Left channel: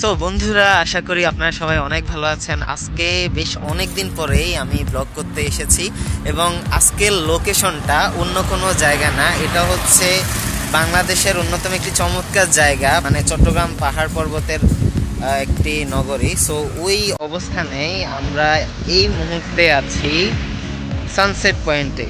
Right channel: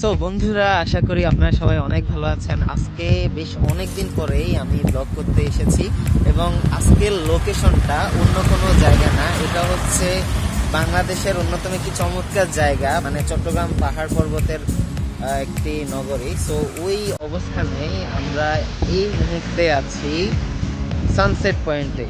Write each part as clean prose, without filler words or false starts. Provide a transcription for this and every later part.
So বন্ধুরা, আশা করি আপনারা সবাই অনেক ভালো আছেন। আজকে বেশ অনেক দিন পরেই আমি ব্লগ করতে এসেছি এবং আজকের লোকেশনটা অন্য কোনো জায়গা না, এটা হচ্ছে বাংলাদেশের অন্যতম একটি চমৎকার জায়গা, মানে চট্টগ্রাম পাহাড় পর্বতের একটি নগরী। সো ওই অবস্থানেই আমরা এই মুহূর্তে আছি সানসেট পয়েন্টে।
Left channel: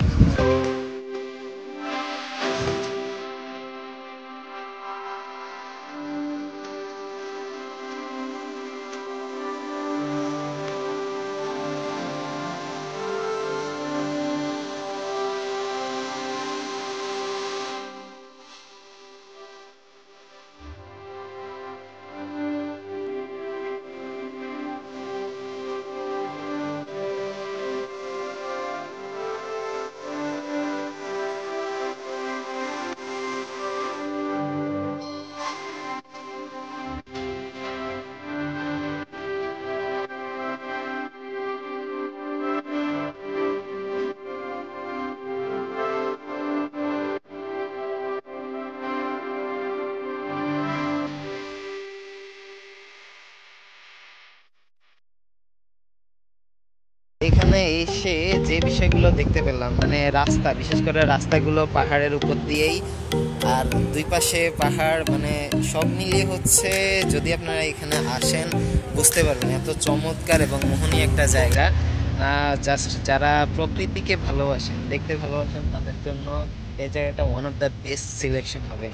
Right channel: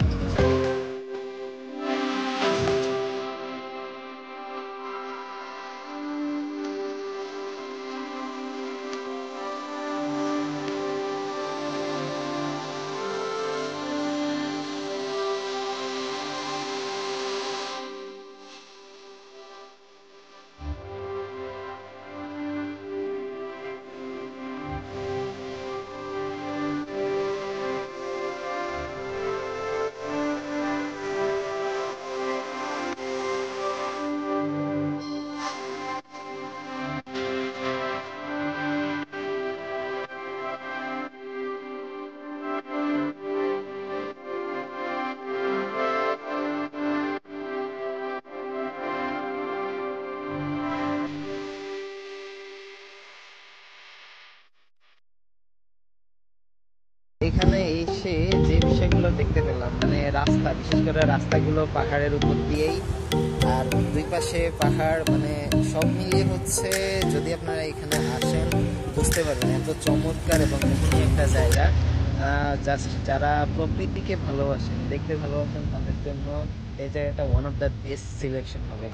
এখানে এসে যে বিষয়গুলো দেখতে পেলাম, মানে রাস্তা, বিশেষ করে রাস্তাগুলো পাহাড়ের উপর দিয়েই, আর দুই পাশে পাহাড়, মানে সব মিলিয়ে হচ্ছে, যদি আপনারা এখানে আসেন বুঝতে পারবেন এত চমৎকার এবং মোহনীয় একটা জায়গা। জাস্ট যারা প্রকৃতিকে ভালোবাসেন, দেখতে ভালোবাসেন, তাদের জন্য এই জায়গাটা one of the best selection হবে।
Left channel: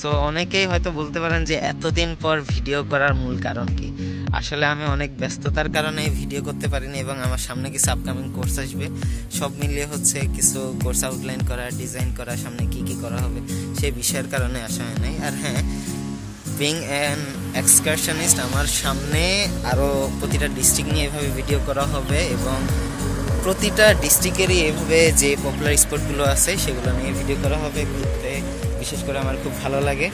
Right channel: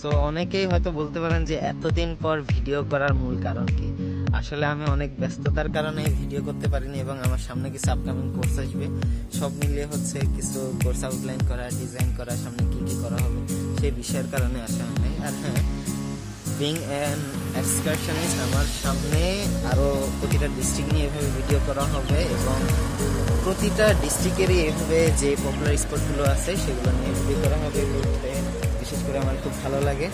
সো অনেকেই হয়তো বলতে পারেন যে এতদিন পর ভিডিও করার মূল কারণ কি। আসলে আমি অনেক ব্যস্ততার কারণে ভিডিও করতে পারিনি এবং আমার সামনে কিছু আপকামিং কোর্স আসবে, সব মিলিয়ে হচ্ছে কিছু কোর্স আউটলাইন করা, ডিজাইন করা, সামনে কি কি করা হবে সেই বিষয়ের কারণে আসা হয় নাই। আর হ্যাঁ, বিং অ্যান এক্সকারশনিস্ট, আমার সামনে আরও প্রতিটা ডিস্ট্রিক্ট নিয়ে এভাবে ভিডিও করা হবে এবং প্রতিটা ডিস্ট্রিক্টেরই এভাবে যে পপুলার স্পটগুলো আছে সেগুলো নিয়ে ভিডিও করা হবে। ঘুরতে বিশেষ করে আমার খুব ভালো লাগে।